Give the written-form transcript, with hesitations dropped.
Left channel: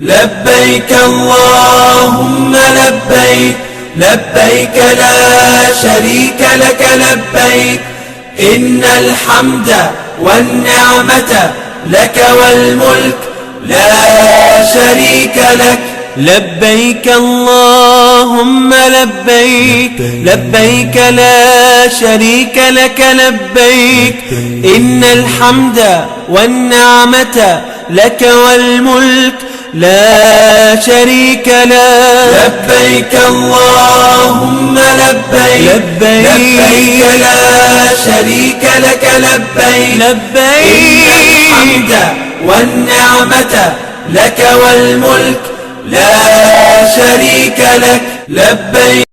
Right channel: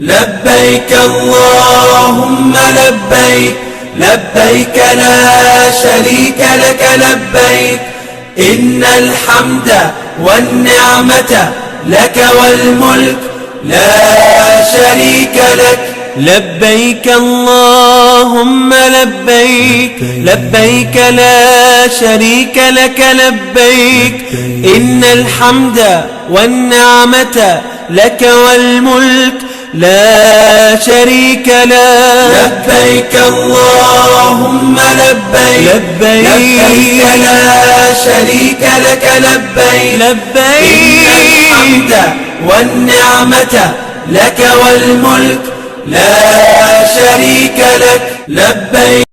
لبيك اللهم لبيك لبيك لا شريك لك لبيك إن الحمد والنعمة لك والملك لا شريك لك. لبيك اللهم لبيك لبيك لا شريك لك لبيك إن الحمد والنعمة لك والملك لا شريك لك. لبيك اللهم لبيك لبيك لا شريك لك لبيك لبيك إن الحمد والنعمة لك والملك لا شريك لك. لبيك